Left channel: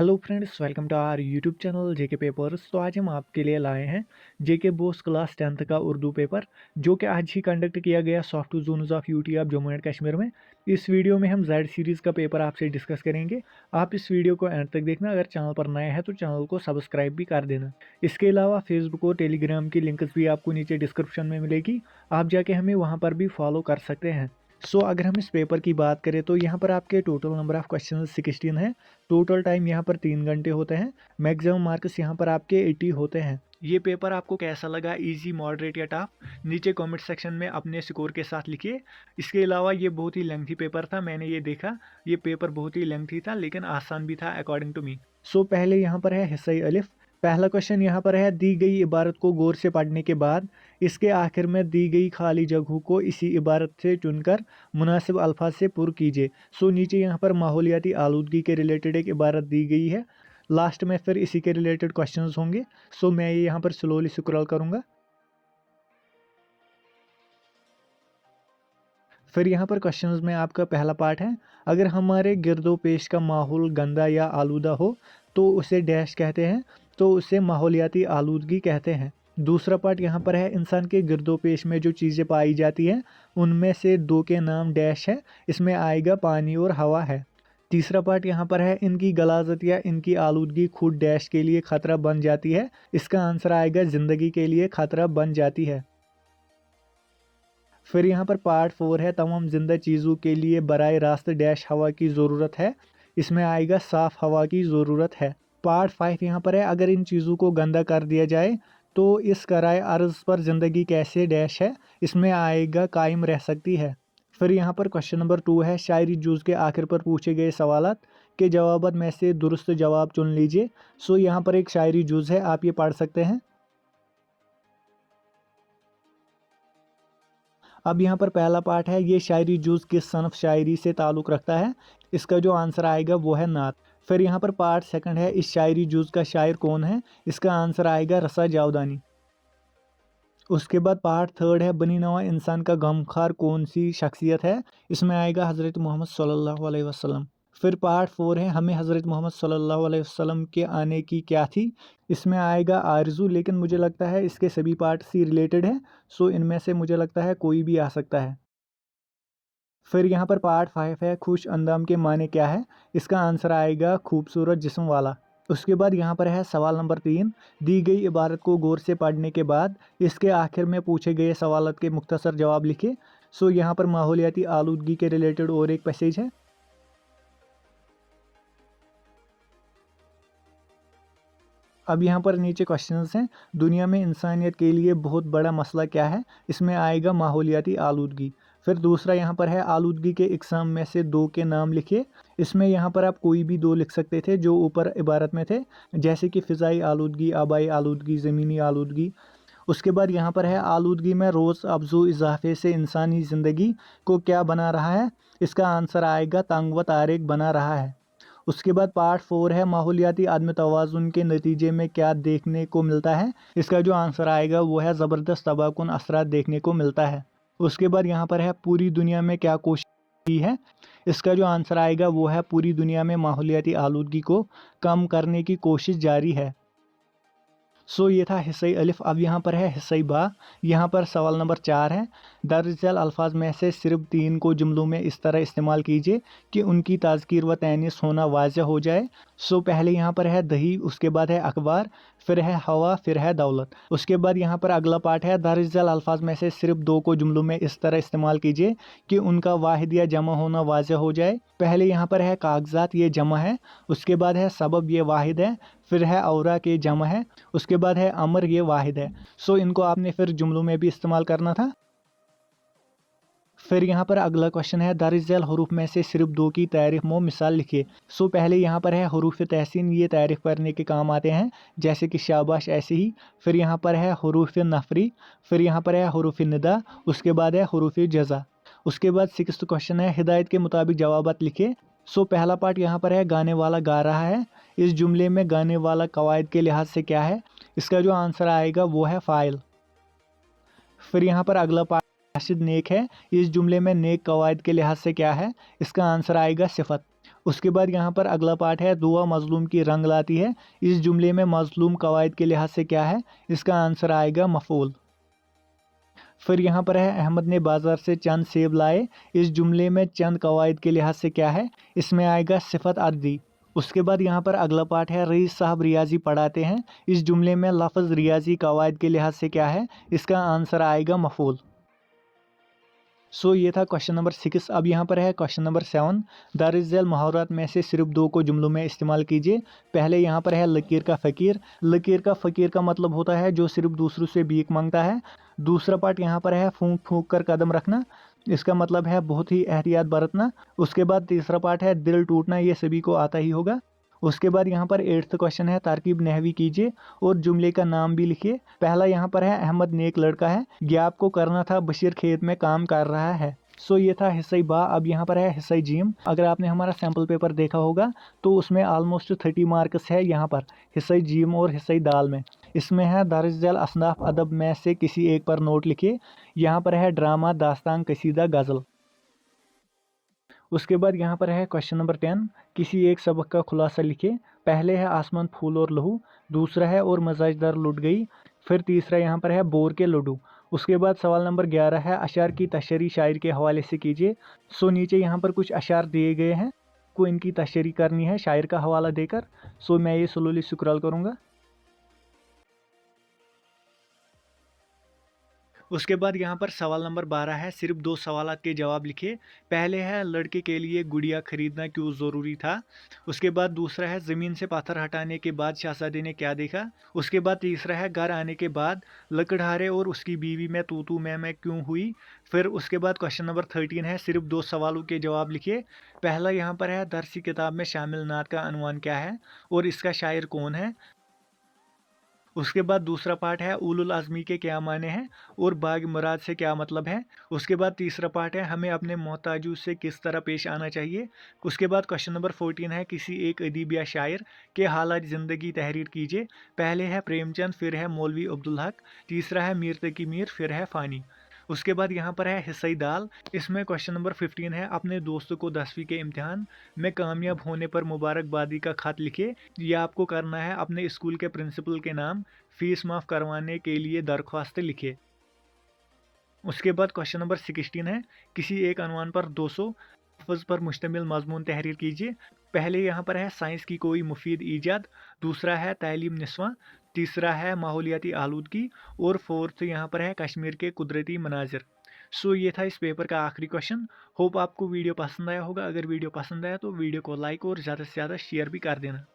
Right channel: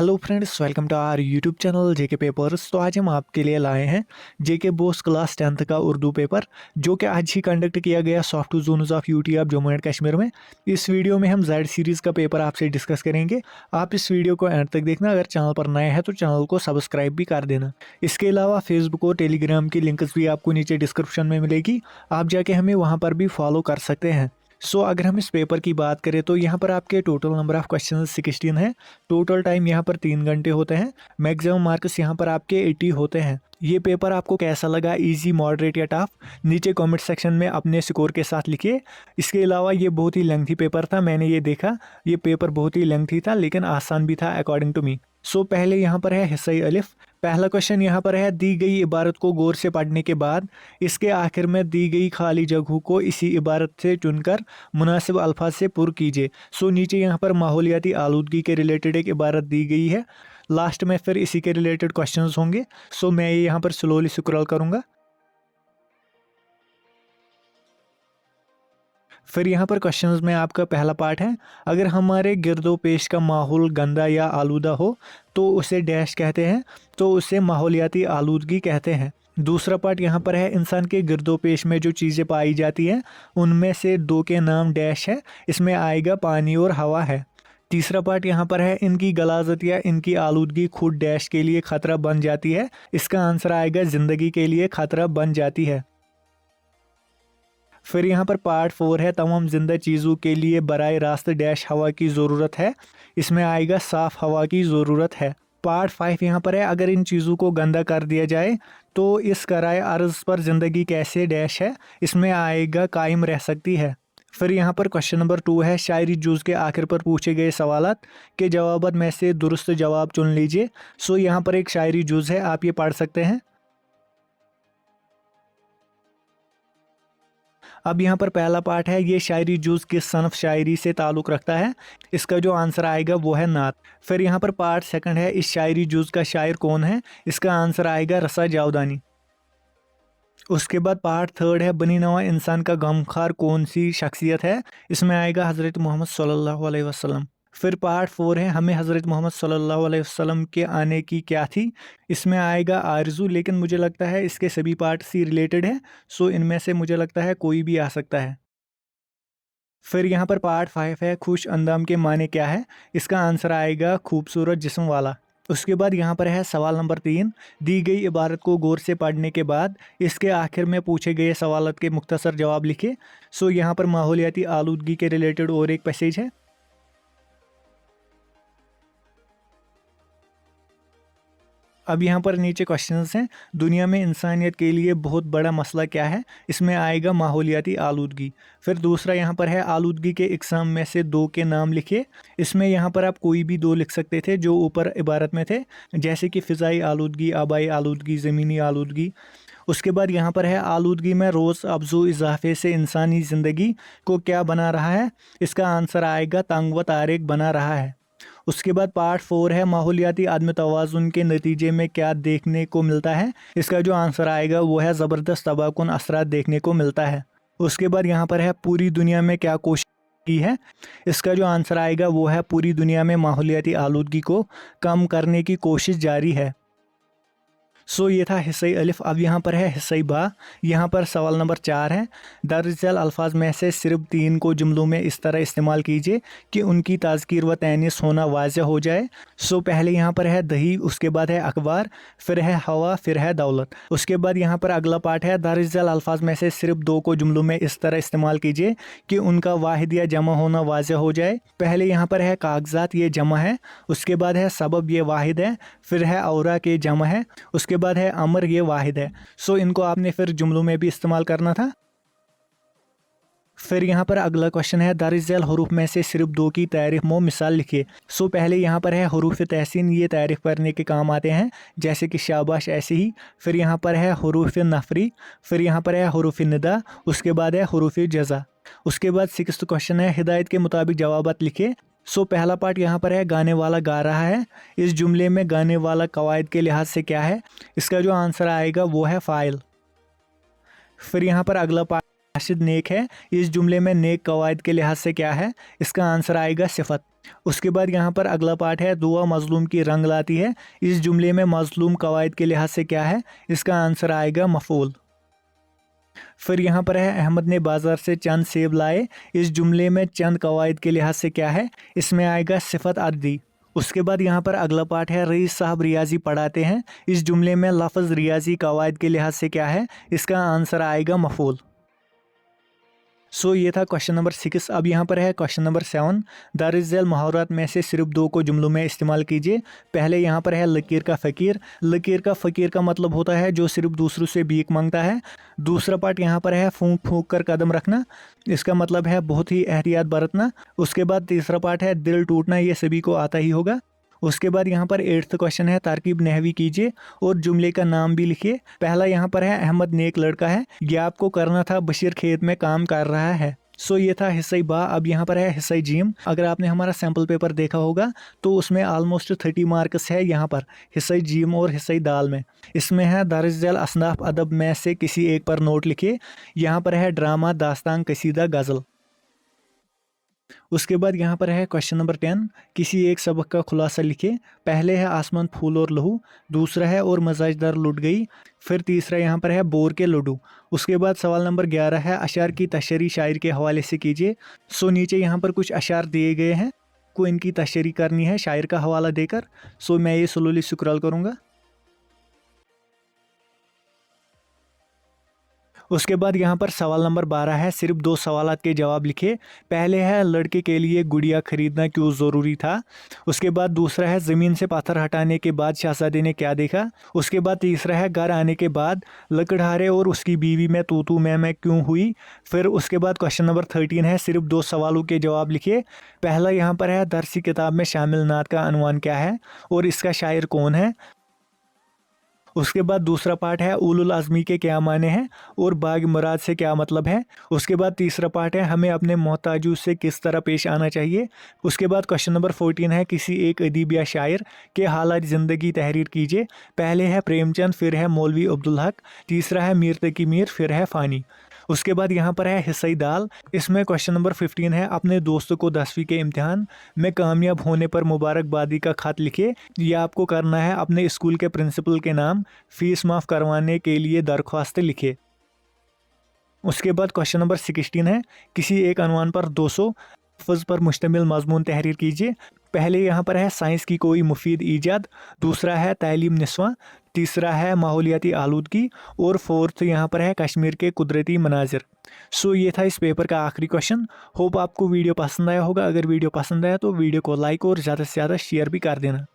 Hello friends, welcome to our YouTube channel JK papers. तो आज हम आपके लिए लाए हैं जेके बोस क्लास 10th का उर्दू पेपर, जो कि आज ही कंडक्ट किया गया soft zones of UT of Jammu and Kashmir में। इस वीडियो में हम जेड सीरीज़ का पेपर आपसे डिस्कस करेंगे। आप इस वीडियो को एंड तक देखना। अगर चैनल पर नए हैं तो चैनल को सब्सक्राइब भी कर देना। इसके अलावा फेसबुक और टेलीग्राम की लिंक्स भी आपको नीचे डिस्क्रिप्शन में मिलेगी, आप जाके हमें वहाँ पर भी फॉलो कर सकते हैं। अगर हम इस पेपर की बात करें तो यहाँ पर आपके टोटल नंबर ऑफ क्वेश्चन 16 है। टोटल टाइम यहाँ पर 3 घंटे होते हैं। मैक्सिमम मार्क्स यहाँ पर आपके 80 होते हैं। ये पेपर आपको कैसा लगा, इजी, मॉडरेट या टफ, नीचे कमेंट सेक्शन में अपने स्कोर के साथ लिखिए। इसके अलावा ये बहुत ही लेंथी पेपर था, मैंने ये देखा, ये पेपर बहुत ही लेंथी था लेकिन आसान भी था अकॉर्डिंग टू मी। पहले यहाँ पर है हिस्सा अलिफ। पहला क्वेश्चन यहाँ पर है, दी गई इबारत को गौर से पढ़ने के बाद इसके आखिर में दी गई खाली जगहों को इसी इबारत से चुनकर मुनासिब अल्फाज से पुर कीजिए। नीचे यहाँ पर माहौलियाती आलूदगी के रिलेटेड एक इबारत दी गई है। लास्ट में फिर इसी के रिलेटेड क्वेश्चंस होंगे। मैं ये यहाँ पर स्लोली स्क्रॉल करूँगा। फिर यहाँ पर क्वेश्चंस में आपका पहला पार्ट है, अगर हमारे गिरदो पेश का माहौल गंदा या आलूदा हो तो उसे डैश कहते हैं, तो उसे माहौलियाती आलूदगी कहते हैं। दूसरा पार्ट यहाँ पर है, इंसान के गिरदो पेश में जो चीज़ें पाई जाती हैं उनमें से दो के नाम डैश है, इसमें आएगा पानी और हवा है। तीसरा पार्ट यहाँ पर है, इनकी गलाजत या इनकी आलूदगी खुद डैश के लिए खतरा बन जाती है, इसका आंसर आएगा ज़िंदगी के लिए खतरा बन जाती है। फिर यहाँ पर पार्ट 4 है, तमाम जिंदा चीज़ों के लिए बराए रास्त डैश हवा की ज़रूरत है, इसमें आएगा साफ़ हवा की ज़रूरत है। पार्ट 5 यहाँ पर है, अगर इन चीज़ों को गंदा कर दिया जाए तो इस कराए अर्ज़ पर ज़िंदगी कैसे डैश है, इसमें आएगा कायम रह सकती है। फिर यहाँ पर क्वेश्चन नंबर 2 है, शायरी जुज़ के आखिर पर पूछे गए सवालात के जवाबात में से दुरुस्त जवाब चुन लीजिए। यहाँ पर एक शायरी जुज़ है, आप ये पढ़ सकते हैं। अब यहाँ पर पहला पार्ट है, ये शायरी जुज़ किस सनफ शायरी से ताल्लुक़ रखता है, इसका जो आंसर आएगा वो है नात। फिर यहाँ पर पार्ट 2 है, इस शायरी जुज़ का शायर कौन है, इसका आंसर आएगा रसा जावदानी। उसके बाद पार्ट 3 है, बनी नवा इंसान का गमखार कौन सी शख्सियत है, इसमें आएगा हज़रत मोहम्मद सल्लल्लाहु अलैहि वसल्लम। फिर पार्ट 4 है, हमें हज़रत मोहम्मद सल्लल्लाहु अलैहि वसल्लम के आने की क्या थी, इसमें आएगा आरज़ू, लेकिन मुझे लगता है इसके सभी पार्ट से रिलेटेड है, इनमें से मुझे लगता है कोई भी आ सकता है। फिर यहाँ पर पार्ट 5 है, खुश अंदाम के माने क्या है, इसका आंसर आएगा खूबसूरत जिस्म वाला। उसके बाद यहाँ पर है सवाल नंबर 3, दी गई इबारत को गौर से पढ़ने के बाद इसके आखिर में पूछे गए सवालत के मुख्तसर जवाब लिखे। यहाँ पर माहौलियाती आलूदगी के रिलेटेड और एक पैसेज है। अब यहाँ पर नीचे क्वेश्चंस हैं, दुनिया में इंसानियत के लिए बहुत बड़ा मसला क्या है, इसमें आएगा माहौलियाती आलूदगी। फिर दूसरा यहाँ पर है, आलूदगी के इकसाम में से दो के नाम लिखिए, इसमें यहाँ पर आप कोई भी दो लिख सकते थे जो ऊपर इबारत में थे, जैसे कि फ़िज़ाई आलूदगी, आबाई आलूदगी, ज़मीनी आलूदगी। उसके बाद यहाँ पर है, आलूदगी में रोज़ अफजू इजाफे से इंसानी ज़िंदगी को क्या बना रहा है, इसका आंसर आएगा तंग व तारेक बना रहा है। उसके बाद पार्ट 4 है, माहौलियाती आदम तवाज़ुन के नतीजे में क्या देखने को मिलता है, इसका जो आंसर आएगा वो है ज़बरदस्त तबाहकुन असरात देखने को मिलता है। उसके बाद यहाँ पर है, पूरी दुनिया में क्या कोशिश की है, इसका जो आंसर आएगा वो है पूरी दुनिया में माहौलियाती आलूदगी को कम करने की कोशिश जारी है। ये था हिस्सा अलिफ। अब यहाँ पर है हिस्सा बा। यहाँ पर सवाल नंबर 4 है, दरअसल अल्फाज में से सिर्फ 3 को जुमलों में इस तरह इस्तेमाल कीजिए कि उनकी ताज़कीर व तैनीस होना वाज़ह हो जाए। पहले यहाँ पर है दही, उसके बाद है अखबार, फिर है हवा, फिर है दौलत। उसके बाद यहाँ पर अगला पार्ट है, दरअसल अल्फाज में से सिर्फ 2 को जुमलों में इस तरह इस्तेमाल कीजिए कि उनका वाहिद या जमा होना वाज़ह हो जाए। पहले यहाँ पर है कागजात, ये जमा है। उसके बाद है सबब, ये वाहिद है। फिर है औरा, के जमा है। उसके बाद है अमर, ये वाहिद है। इनको आपने फिर जुमलों में भी इस्तेमाल करना था। फिर यहाँ पर अगला क्वेश्चन है, दरअसल हरूफ में से सिर्फ 2 की तारीफ मो मिसाल लिखिए। पहले यहाँ पर है हरूफ तहसीन, ये तारीफ करने के काम आते हैं, जैसे कि शाबाश, ऐसे ही। फिर यहाँ पर है हरूफ नफरी, फिर यहाँ पर है हरूफ निदा, उसके बाद है हरूफ जज़ा। उसके बाद 6th क्वेश्चन है, हिदायत के मुताबिक जवाबात लिखिए। पहला पार्ट यहाँ पर है, गाने वाला गा रहा है, इस जुमले में गाने वाला कवायद के लिहाज से क्या है, इसका जो आंसर आएगा वो है फ़ाइल। फिर यहाँ पर अगला पार्ट, राशिद नेक है, इस जुमले में नेक कवायद के लिहाज से क्या है, इसका आंसर आएगा सिफत। उसके बाद यहाँ पर अगला पार्ट है, दुआ मजलूम की रंग लाती है। इस जुमले में मजलूम कवायद के लिहाज से क्या है? इसका आंसर आएगा मफूल। फिर यहाँ पर है, अहमद ने बाजार से चंद सेब लाए। इस जुमले में चंद कवायद के लिहाज से क्या है? इसमें आएगा सिफत अददी। उसके बाद यहाँ पर अगला पार्ट है, रईस साहब रियाजी पढ़ाते हैं। इस जुमले में लफ्ज़ रियाजी कवायद के लिहाज से क्या है? इसका आंसर आएगा मफूल। ये था क्वेश्चन नंबर 6। अब यहाँ पर है क्वेश्चन नंबर 7। दारिस झैल मुहावरात में से सिर्फ 2 को जुमलों में इस्तेमाल कीजिए। पहले यहाँ पर है, लकीर का फ़कीर। लकीर का फ़कीर का मतलब होता है जो सिर्फ दूसरों से भीख मांगता है। दूसरा पार्ट यहाँ पर है, फूंक फूंक कर कदम रखना। इसका मतलब है बहुत ही एहतियात बरतना। उसके बाद तीसरा पार्ट है, दिल टूटना। ये सभी को आता ही होगा। उसके बाद यहाँ पर 8th क्वेश्चन है, तारकीब नहवी कीजिए और जुमले का नाम भी लिखिए। पहला यहाँ पर है, अहमद नेक लड़का है। ये आपको करना था, बशीर खेत में काम कर रहा है। ये था हिस्सा बा। अब यहाँ पर है हिस्सा जीम। अगर आपने हमारा सैम्पल पेपर देखा होगा तो उसमें ऑलमोस्ट 30 मार्क्स है यहाँ पर हिस्सा जीम और हिस्सा दाल में। इसमें है, दारिस झैल असनाफ अदब में से किसी एक पर नोट लिखिए। यहाँ पर है, ड्रामा, दास्तान, कसीदा, गज़ल। उसके बाद यहाँ पर है क्वेश्चन नंबर 10, किसी एक सबक का खुलासा लिखिए। पहले है, आसमान, फूल और लहू। दूसरा है, और मजाजदार लुट गई। फिर तीसरा यहाँ पर है, बोर के लड्डू। उसके बाद सवाल नंबर 11 है, अशार की तशरीह शायर के हवाले से कीजिए। नीचे यहाँ पर कुछ अशार दिए गए हैं, को इनकी तशरीह करनी है शायर का हवाला देकर। मैं ये स्लोली स्क्रॉल करूँगा। उसके बाद यहाँ पर सवाल नंबर 12 है, सिर्फ 2 सवालात के जवाब लिखे। पहले है, लड़के के लिए गुड़िया खरीदना क्यों ज़रूरी था। उसके बाद दूसरा है, ज़मीन से पत्थर हटाने के बाद शहजादे ने क्या देखा। उसके बाद तीसरा है, घर आने के बाद लकड़हारे और उसकी बीवी में तू मैं क्यों हुई। फिर उसके बाद क्वेश्चन नंबर 13 है, सिर्फ 2 सवालों के जवाब लिखिए। पहला यहाँ पर है, दरसी किताब में शामिल नात का अनवान क्या है और इसका शायर कौन है। उसके बाद दूसरा पार्ट है, उलुल आज़मी के क्या माने हैं और बाग मुराद से क्या मतलब है। उसके बाद तीसरा पार्ट है, हमें अपने मोहताजों से किस तरह पेश आना चाहिए। उसके बाद क्वेश्चन नंबर 14 है, किसी एक अदीब या शायर के हालात ज़िंदगी तहरीर कीजिए। पहले है प्रेमचंद, फिर है मौलवी अब्दुल हक, तीसरा है मीर तकी मीर, फिर है फ़ानी। उसके बाद यहाँ पर है हिस्सा दाल। इसमें क्वेश्चन नंबर 15 है, अपने दोस्तों को 10वीं के इम्तिहान में कामयाब होने पर मुबारकबादी का खत लिखिए। यह आपको करना है, अपने स्कूल के प्रिंसिपल के नाम फीस माफ़ करवाने के लिए दरख्वास्त लिखिए। उसके बाद क्वेश्चन नंबर 16 है, किसी एक अनवान पर 200 लफ्ज़ पर मुश्तमिल मजमून तहरीर कीजिए। पहले यहाँ पर है, साइंस की कोई मुफीद ईजाद। दूसरा है, तालीम निस्वां। तीसरा है, माहौलियाती आलूदगी। और फोर्थ यहाँ पर है, कश्मीर के कुदरती मनाजिर। ये था इस पेपर का आखिरी क्वेश्चन। होप आपको वीडियो पसंद आया होगा। अगर वीडियो पसंद आया तो वीडियो को लाइक और ज़्यादा से ज़्यादा शेयर भी कर देना।